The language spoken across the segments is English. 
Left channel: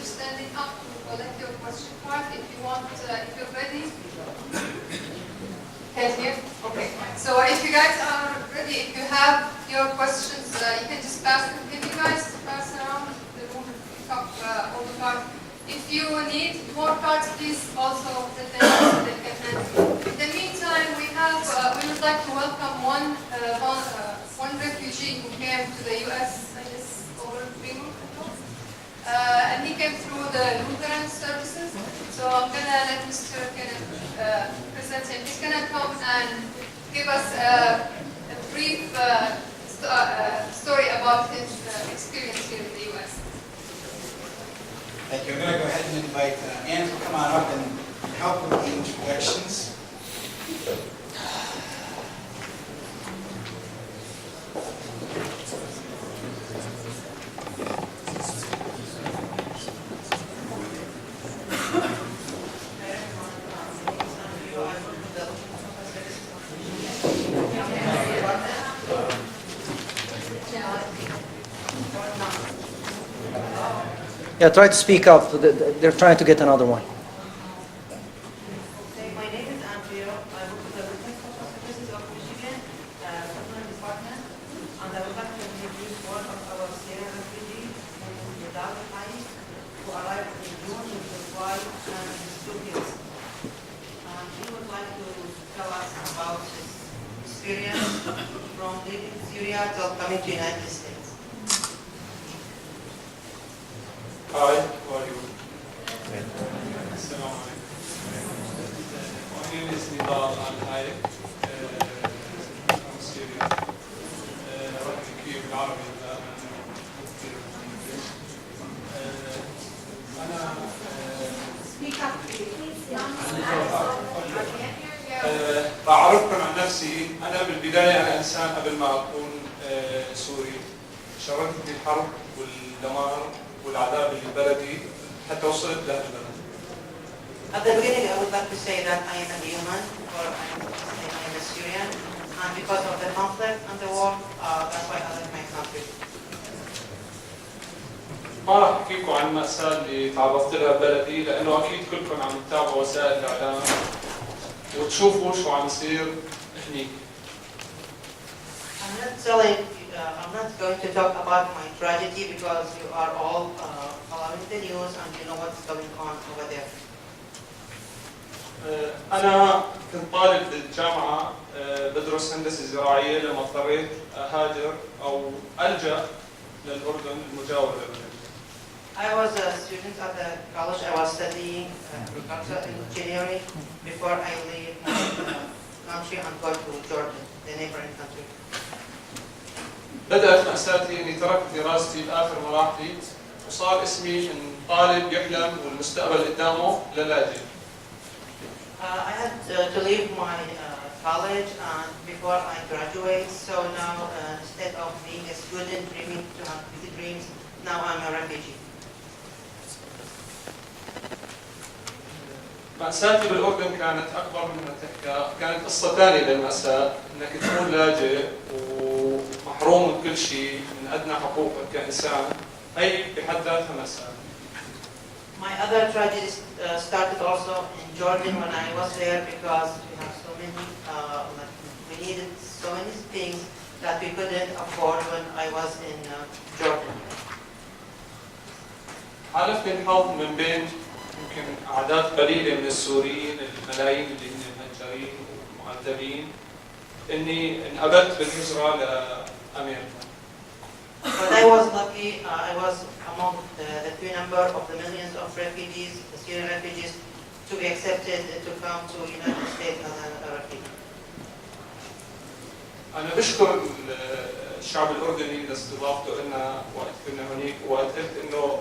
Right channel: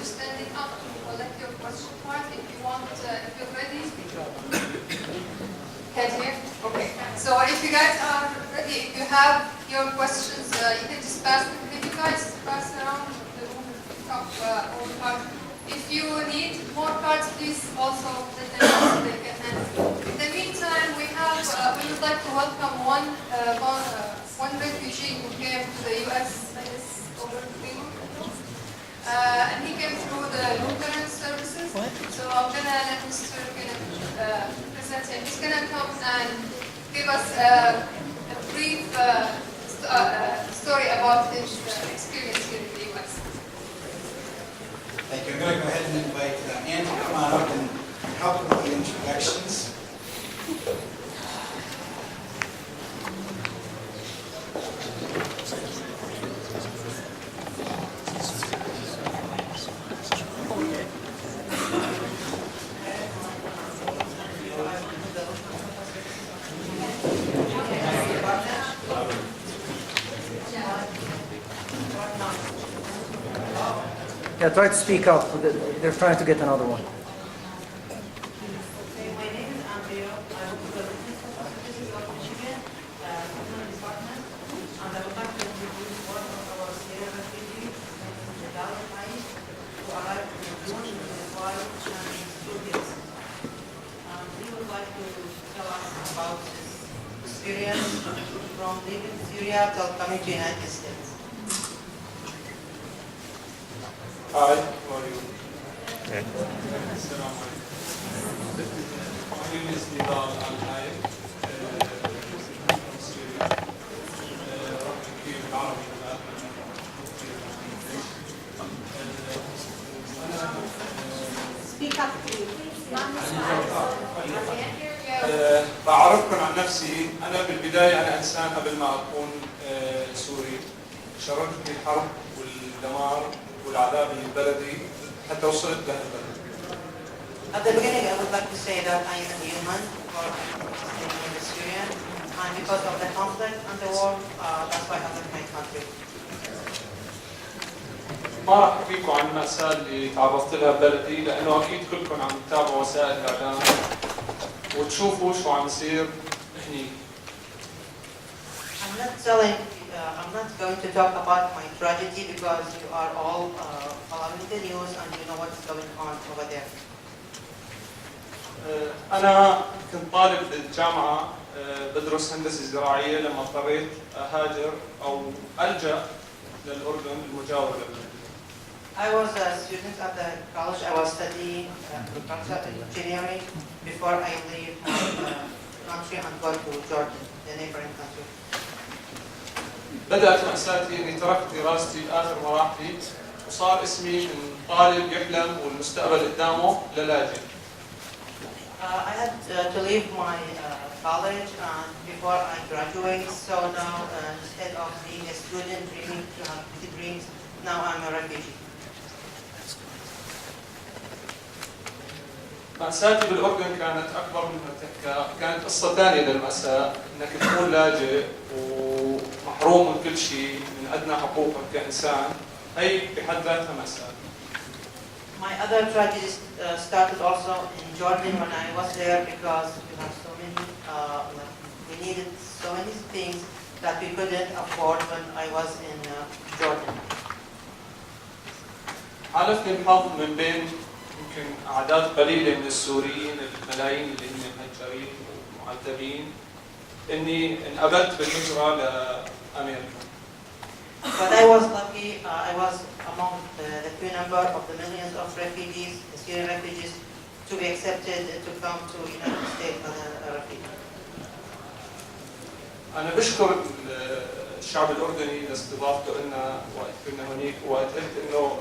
you standing up to collect your question card if you want, if you're ready. Can't hear? Okay. So if you guys are ready, if you have your questions, you can just pass them. Can you guys pass around the room and pick up all the cards? If you need more cards, please also let them know so they can handle. In the meantime, we would like to welcome one refugee who came to the U.S. I guess over 3 months ago, and he came through the Lutheran services. So I'm gonna let Mr. Kenneth present him. He's gonna come and give us a brief story about his experience here in the U.S. Thank you. I'm going to go ahead and invite Ann to come on up and help with the introductions. Yeah, try to speak up. They're trying to get another one. Okay, my name is Andrea. I work with the Informational Services of Michigan, Social Department, and I would like to introduce one of our Syrian refugees, named Nidal Haït, who arrived in June with his wife and his 2 kids. And he would like to tell us about his experience from leaving Syria till coming to the United States. Hi, how are you? Assalamu alaikum. My name is Nidal Al-Haik from Syria. راح احكي بالعربي هلا لانه مو كثير بالانجلش. انا Speak up, please. راح اعرفكم عن نفسي. انا بالبدايه انا انسان قبل ما اكون سوري. شاركتني الحرب والدمار والعذاب اللي بلدي حتى وصلت لهالبلد. At the beginning, I would like to say that I am a human, or I am a Syrian, and because of the conflict and the war, that's why I left my country. ما راح احكي لكم عن المأساة اللي تعرضت لها ببلدي لأنه أكيد كلكم عم تتابعوا وسائل الإعلام وتشوفوا شو عم يصير هنيك. I'm not going to talk about my tragedy because you are all following the news and you know what's going on over there. أنا كنت طالب بالجامعة بدرس هندسة زراعية لما اضطريت أهاجر أو ألجأ للأردن المجاور للبلد. I was a student at the college. I was studying agricultural engineering before I leave my country and go to Jordan, the neighboring country. بدأت مأساتي إني تركت دراستي بآخر مراحلي وصار اسمي من طالب يحلم والمستقبل قدامه للاجئ. I had to leave my college and before I graduate, so now instead of being a student dreaming to have big dreams, now I'm a refugee. مأساتي بالأردن كانت أكبر مما تحكى، كانت قصة ثانية للمأساة، إنك تكون لاجئ ومحروم من كل شيء، من أدنى حقوقك كإنسان، هي بحد ذاتها مأساة. My other tragedy started also in Jordan when I was there because we have so many, we needed so many things that we couldn't afford when I was in Jordan. حالفني الحظ من بين يمكن أعداد قليلة من السوريين الملايين اللي هن مهجرين ومعذبين إني انقبلت بالهجرة لأمريكا. But I was lucky, I was among the few number of the millions of refugees, the Syrian refugees, to be accepted to come to the United States as a refugee. أنا بشكر الشعب الأردني لاستضافته لنا وقت كنا هناك وقت قلت إنه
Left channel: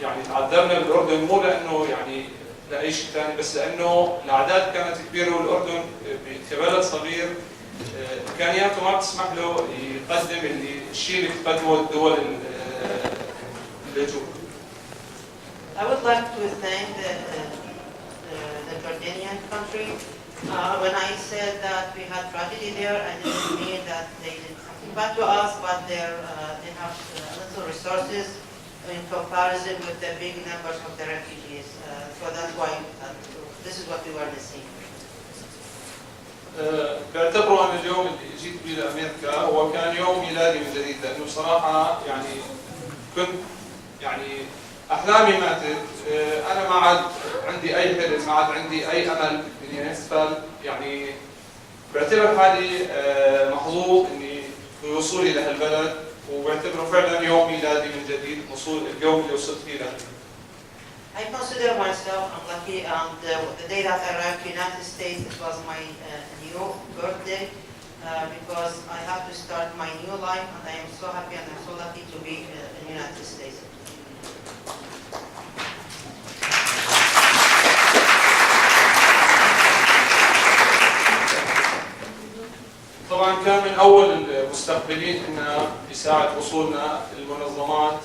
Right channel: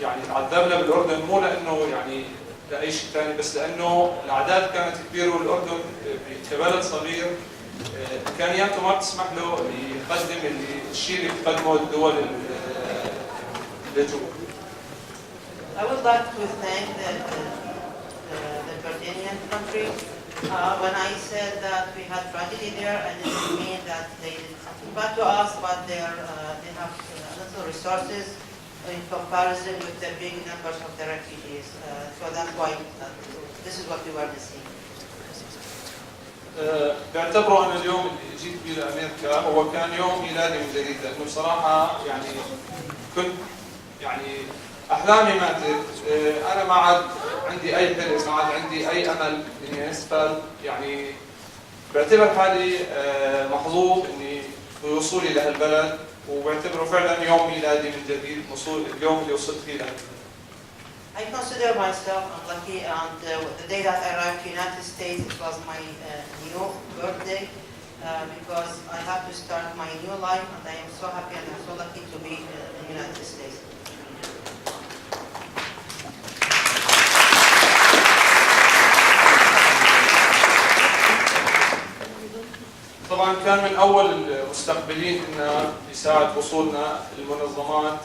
يعني تعذبنا بالأردن مو لأنه يعني لأي شيء ثاني بس لأنه الأعداد كانت كبيرة والأردن كبلد صغير إمكانياته ما بتسمح له يقدم الشيء اللي بتقدمه الدول اللجوء. I would like to thank the Jordanian country. When I said that we had tragedy there, I didn't mean that they did something bad to us, but they have little resources in comparison with the big numbers of the refugees. So that's why this is what we were missing. بعتبره انا اليوم اللي جيت بيه لامريكا هو كان يوم ميلادي من جديد، لانه بصراحه يعني كنت يعني احلامي ماتت. انا ما عاد عندي اي حلم، ما عاد عندي اي امل اني اسفل. يعني بعتبر حالي محظوظ اني بوصولي لهالبلد، وبعتبره فعلا يوم ميلادي من جديد، اليوم اللي وصلت فيه لهالبلد. I consider myself unlucky, and the day that I arrived to the United States, it was my new birthday because I have to start my new life, and I am so happy and I'm so lucky to be in the United States. طبعا كان من اول المستقبلين انه يساعد وصولنا المنظمات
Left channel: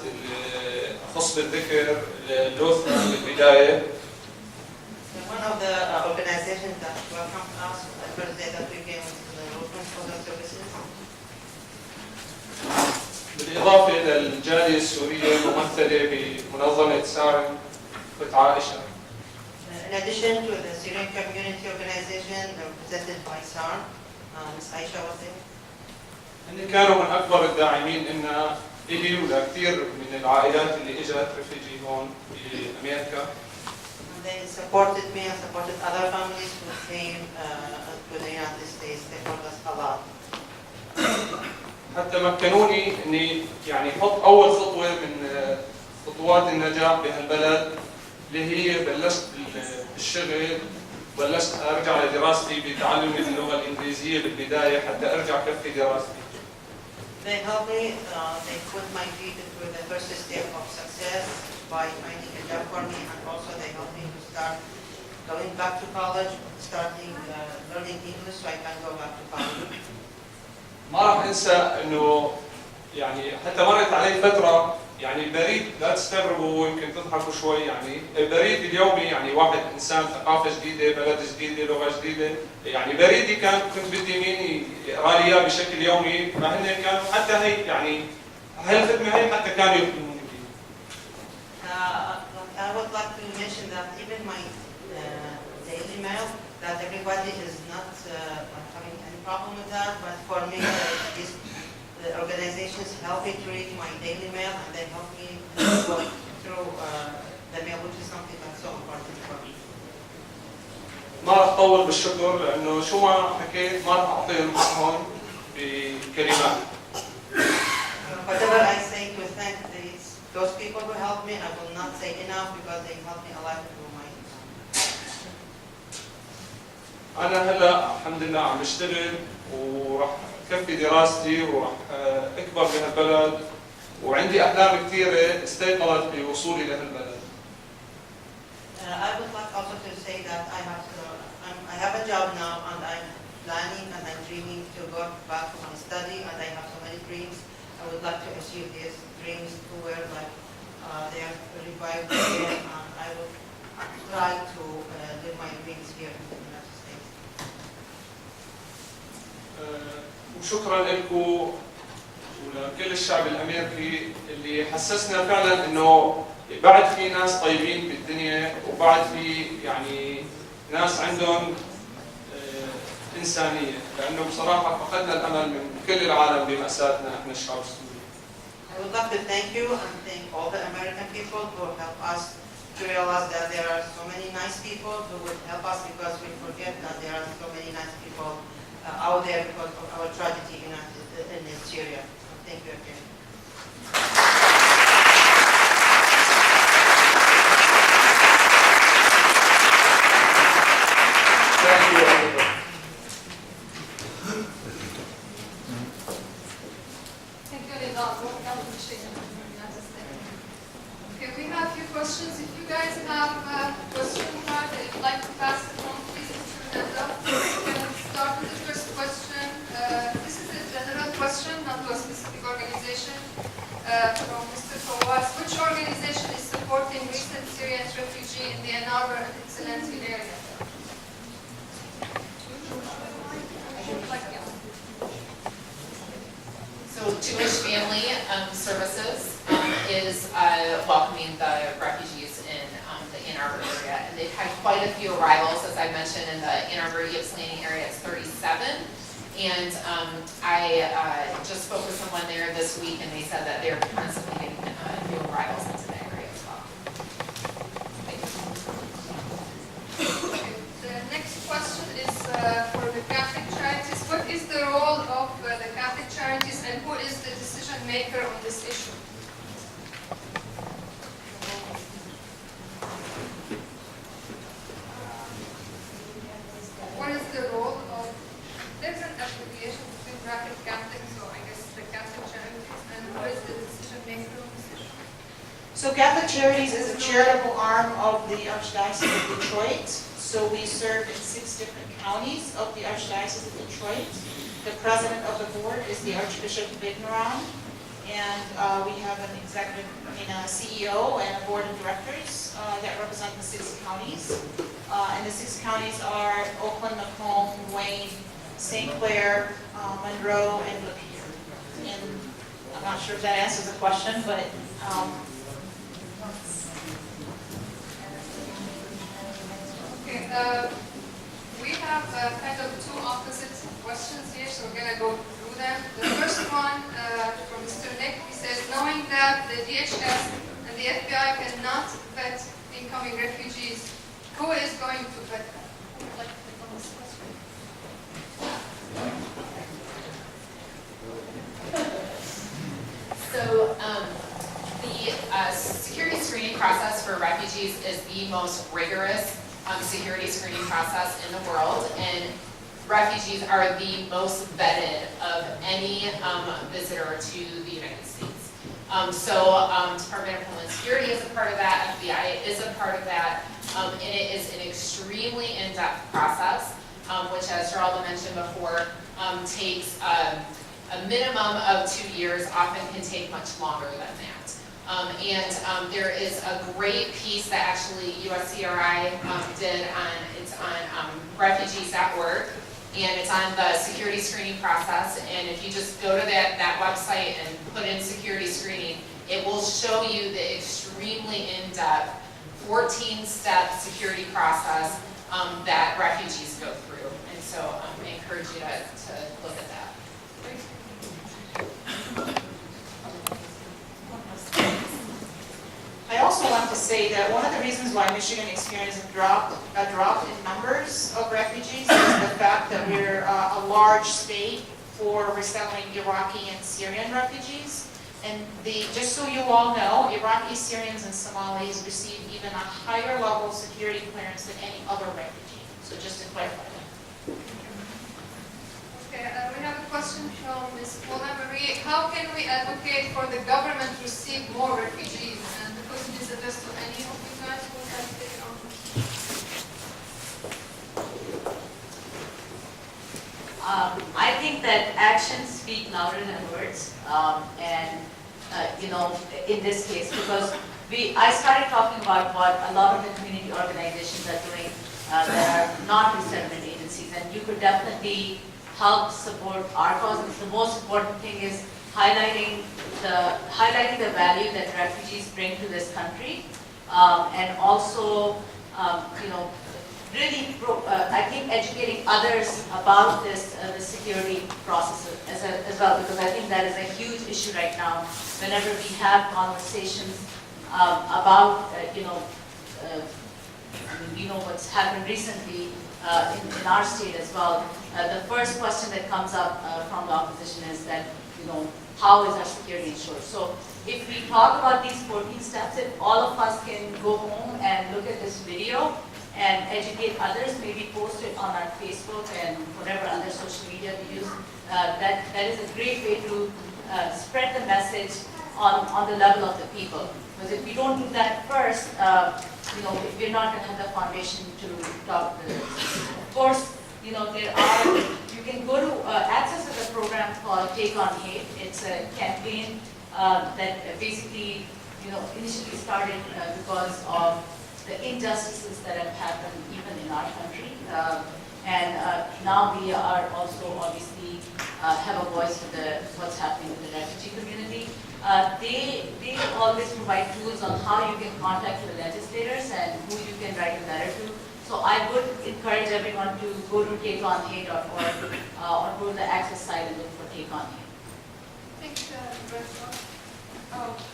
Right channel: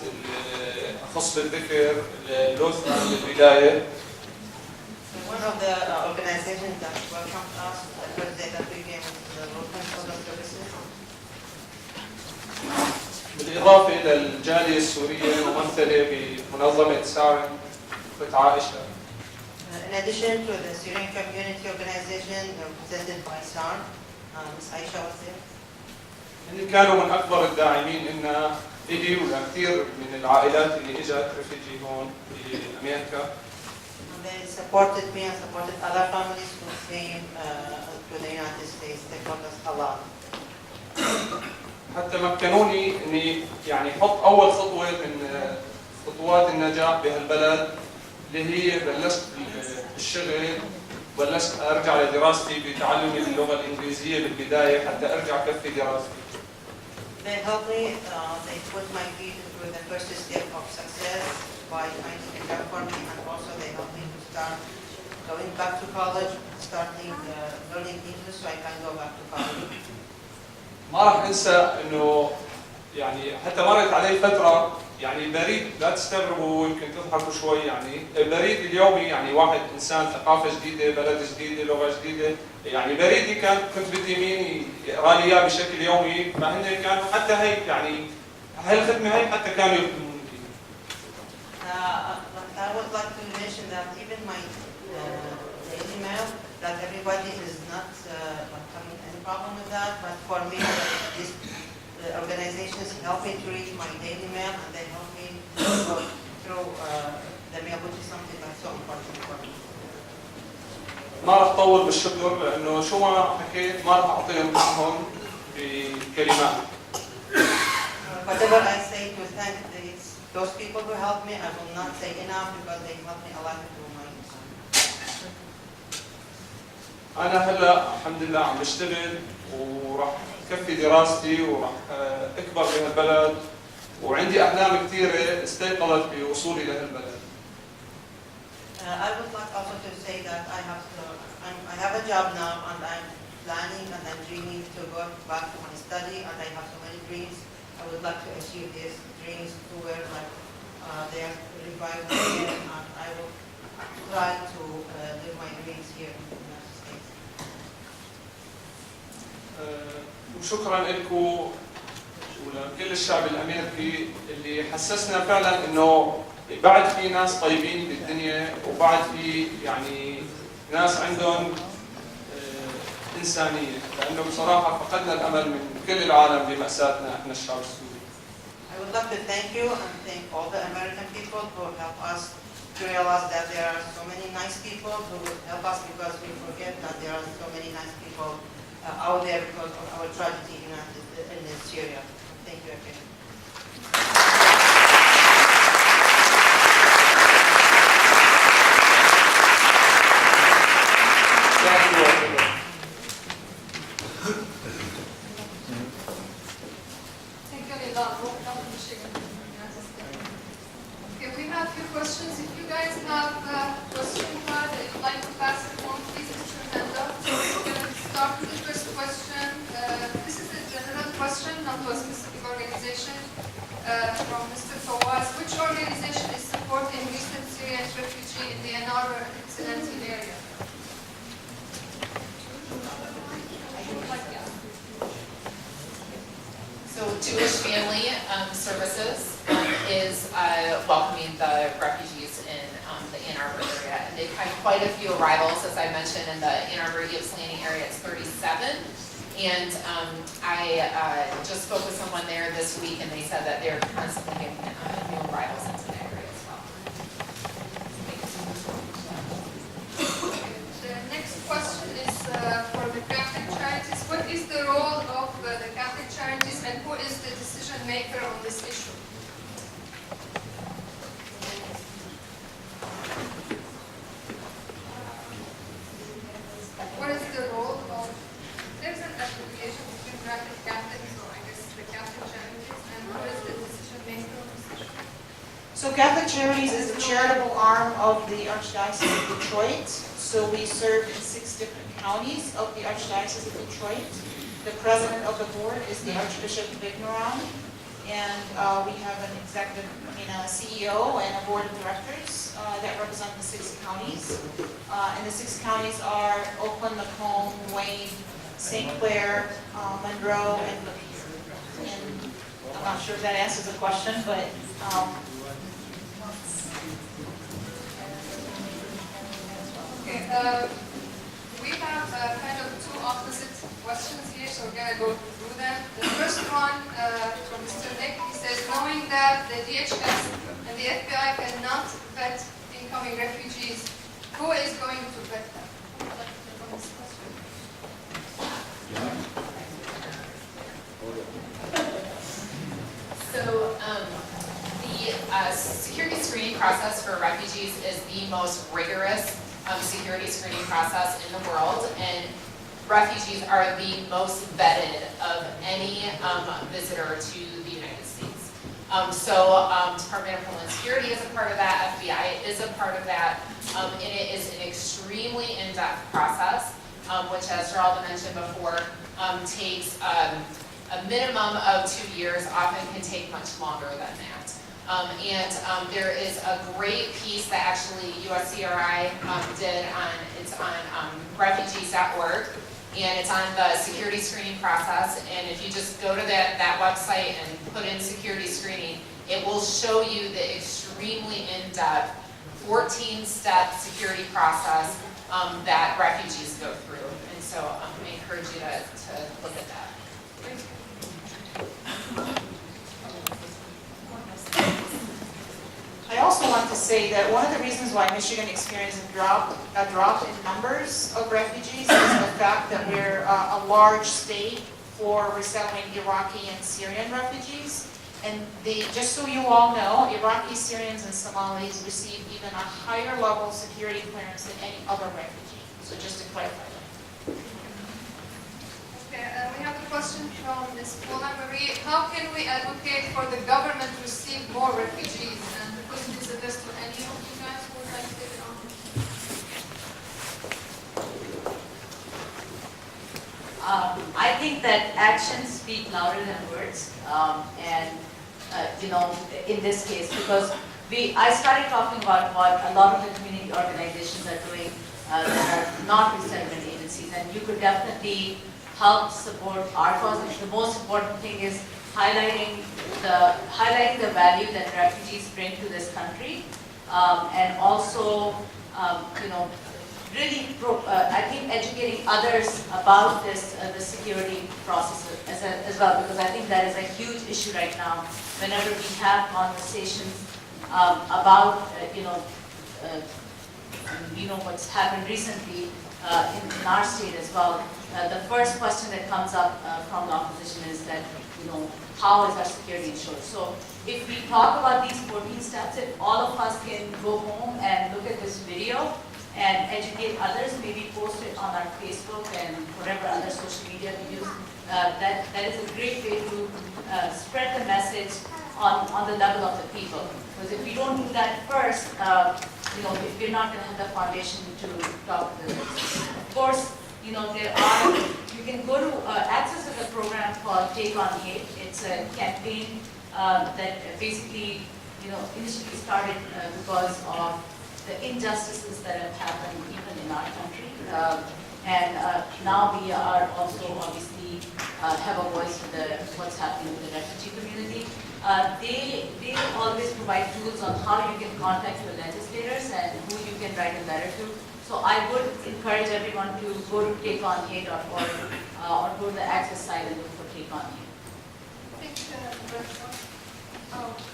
اخص بالذكر لوثنا من البدايه. One of the organizations that welcomed us the first day that we came to the Local Social Services. بالاضافه للجاليه السوريه الممثله بمنظمه سارن اخت عائشه. In addition to the Syrian community organization represented by SAR, Ms. Aisha was there. هن كانوا من اكبر الداعمين لنا الي ولكثير من العائلات اللي اجت ريفيجي هون بامريكا. And they supported me and supported other families who came to the United States. They helped us a lot. حتى مكنوني اني يعني احط اول خطوه من خطوات النجاح بهالبلد، اللي هي بلشت بالشغل، بلشت ارجع لدراستي بتعلمي اللغه الانجليزيه بالبدايه حتى ارجع كفي دراستي. They helped me, they put my feet into the first step of success by finding a job for me, and also they helped me to start going back to college, starting learning English so I can go back to college. ما راح انسى انه يعني حتى مرت علي فتره، يعني البريد لا تستغربوا يمكن تضحكوا شوي، يعني البريد اليومي يعني واحد انسان ثقافه جديده، بلد جديده، لغه جديده، يعني بريدي كنت بدي مين يقرا لي اياه بشكل يومي، فهن كانوا حتى هي يعني هالخدمه هي حتى كانوا يخدموني فيها. I would like to mention that even my daily mail, that everybody is not having any problem with that, but for me, these organizations help me to read my daily mail, and they help me to go through the mail, which is something that's so important for me. ما راح اطول بالشكر، لانه شو ما حكيت ما راح اعطيهم حقهم بكلمات. Whatever I say to thank those people who helped me, I will not say enough because they helped me a lot through my. أنا هلا الحمد لله عم بشتغل وراح كفي دراستي وراح أكبر بهالبلد، وعندي أحلام كثيرة استيقظت بوصولي لهالبلد. I would like also to say that I have a job now, and I'm planning and I'm dreaming to go back to my study, and I have so many dreams. I would like to achieve these dreams to where like they are revived again, and I will try to live my dreams here in the United States. وشكرا لكم ولكل الشعب الامريكي اللي حسسنا فعلا انه بعد في ناس طيبين بالدنيا، وبعد في يعني ناس عندهم انسانيه، لانه بصراحه فقدنا الامل من كل العالم بمأساتنا احنا الشعب السوري. I would like to thank you and thank all the American people who help us to realize that there are so many nice people who would help us, because we forget that there are so many nice people out there because of our tragedy in Syria. Thank you again. Thank you everybody. Thank you, Linda. Welcome to Michigan, United States. Okay, we have a few questions. If you guys have a question card that you'd like to pass it on, please put your hand up. We can start with the first question. This is a general question, not to a specific organization. From Mr. Fawaz. Which organization is supporting recent Syrian refugees in the Ann Arbor and its surrounding area? So Jewish Family Services is welcoming the refugees in the Ann Arbor area. And they've had quite a few arrivals, as I mentioned, in the Ann Arbor Ypres Landing area. It's 37. And I just spoke with someone there this week, and they said that they're constantly getting new arrivals into the area as well. The next question is for the Catholic charities. What is the role of the Catholic charities, and who is the decision maker on this issue? What is the role of, there's an affiliation between Graphic Catholics, so I guess the Catholic charities, and who is the decision maker on this issue? So Catholic Charities is a charitable arm of the Archdiocese of Detroit. So we serve in 6 different counties of the Archdiocese of Detroit. The president of the board is the Archbishop of Ignorant, and we have an executive, a CEO and a board of directors that represent the 6 counties. And the 6 counties are Oakland, Macomb, Wayne, St. Clair, Monroe, and Lapeer. And I'm not sure if that answers the question, but Okay, we have kind of 2 opposite questions here, so we're going to go through them. The first one from Mr. Nick, he says, knowing that the DHS and the FBI cannot vet incoming refugees, who is going to vet them? Who would like to take on this question? So the security screening process for refugees is the most rigorous security screening process in the world, and refugees are the most vetted of any visitor to the United States. Department of Homeland Security is a part of that, FBI is a part of that, and it is an extremely in-depth process, which, as Geralda mentioned before, takes a minimum of 2 years, often can take much longer than that. There is a great piece that actually USCRI did on refugees.org, and it's on the security screening process. And if you just go to that website and put in security screening, it will show you the extremely in-depth 14-step security process that refugees go through. And so I encourage you to look at that. I also want to say that one of the reasons why Michigan experienced a drop in numbers of refugees is the fact that we're a large state for resettling Iraqi and Syrian refugees. And just so you all know, Iraqi, Syrians, and Somalis receive even a higher level of security clearance than any other refugee. So just to clarify that. Okay, we have a question from Ms. Paula Marie. How can we advocate for the government to receive more refugees? And the question is addressed to any of you guys who would like to take it on. I think that actions speak louder than words, in this case, because I started talking about what a lot of the community organizations are doing that are not resettlement agencies, and you could definitely help support our cause. And the most important thing is highlighting the value that refugees bring to this country, and also, really, I think educating others about this, the security process as well, because I think that is a huge issue right now. Whenever we have conversations about, what's happened recently in our state as well, the first question that comes up from the opposition is that, how is our security ensured? So if we talk about these 14 steps, if all of us can go home and look at this video and educate others, maybe post it on our Facebook and whatever other social media we use, that is a great way to spread the message on the level of the people. Because if we don't do that first, we're not going to have the foundation to talk to them. Of course, you can go to access to the program called Take on Hate. It's a campaign that basically, initially started because of the injustices that have happened even in our country. Now we are also obviously have a voice for what's happening with the refugee community. They always provide tools on how you can contact your legislators and who you can write a letter to. So I would encourage everyone to go to takeonhate.org or go to the Access site and look for Take on Hate. Thank you.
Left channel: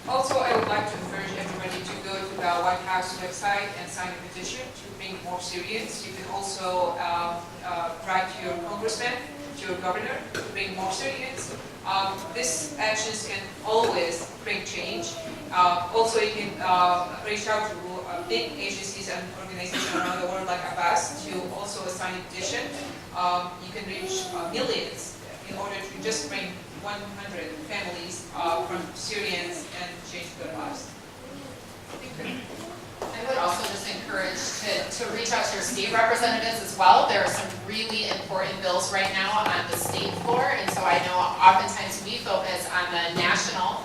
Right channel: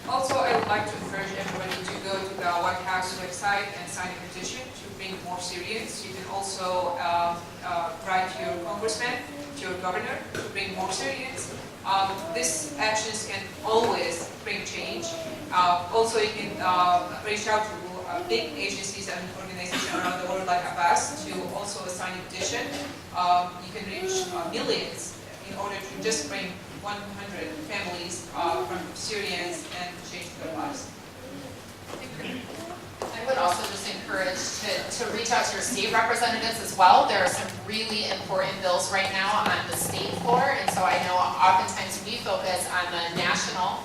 Also, I would like to encourage everybody to go to the White House website and sign a petition to bring more Syrians. You can also write to your congressman, to your governor, to bring more Syrians. These actions can always bring change. Also, you can reach out to big agencies and organizations around the world like Abbas to also sign a petition. You can reach millions in order to just bring 100 families from Syrians and change their lives. I would also just encourage to reach out to your state representatives as well. There are some really important bills right now on the state floor, and so I know oftentimes we focus on the national,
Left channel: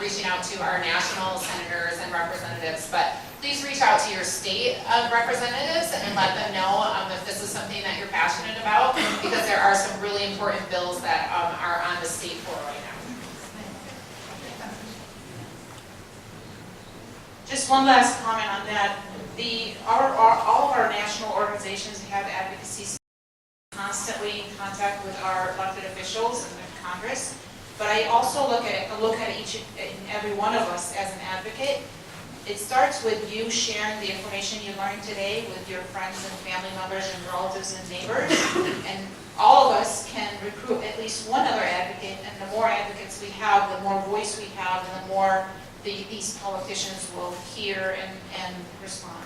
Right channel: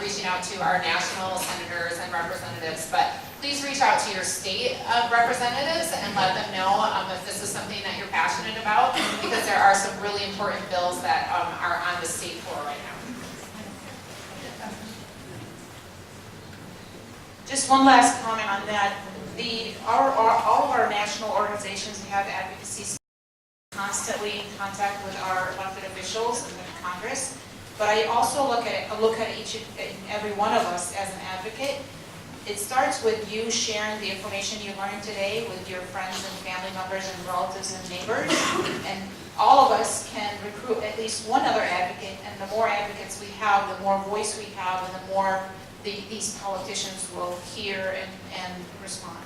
reaching out to our national senators and representatives, but please reach out to your state representatives and let them know if this is something that you're passionate about, because there are some really important bills that are on the state floor right now. Just one last comment on that. All of our national organizations have advocacy constantly in contact with our elected officials and the Congress. But I also look at each and every one of us as an advocate. It starts with you sharing the information you learned today with your friends and family members and relatives and neighbors. And all of us can recruit at least one other advocate, and the more advocates we have, the more voice we have, and the more these politicians will hear and respond.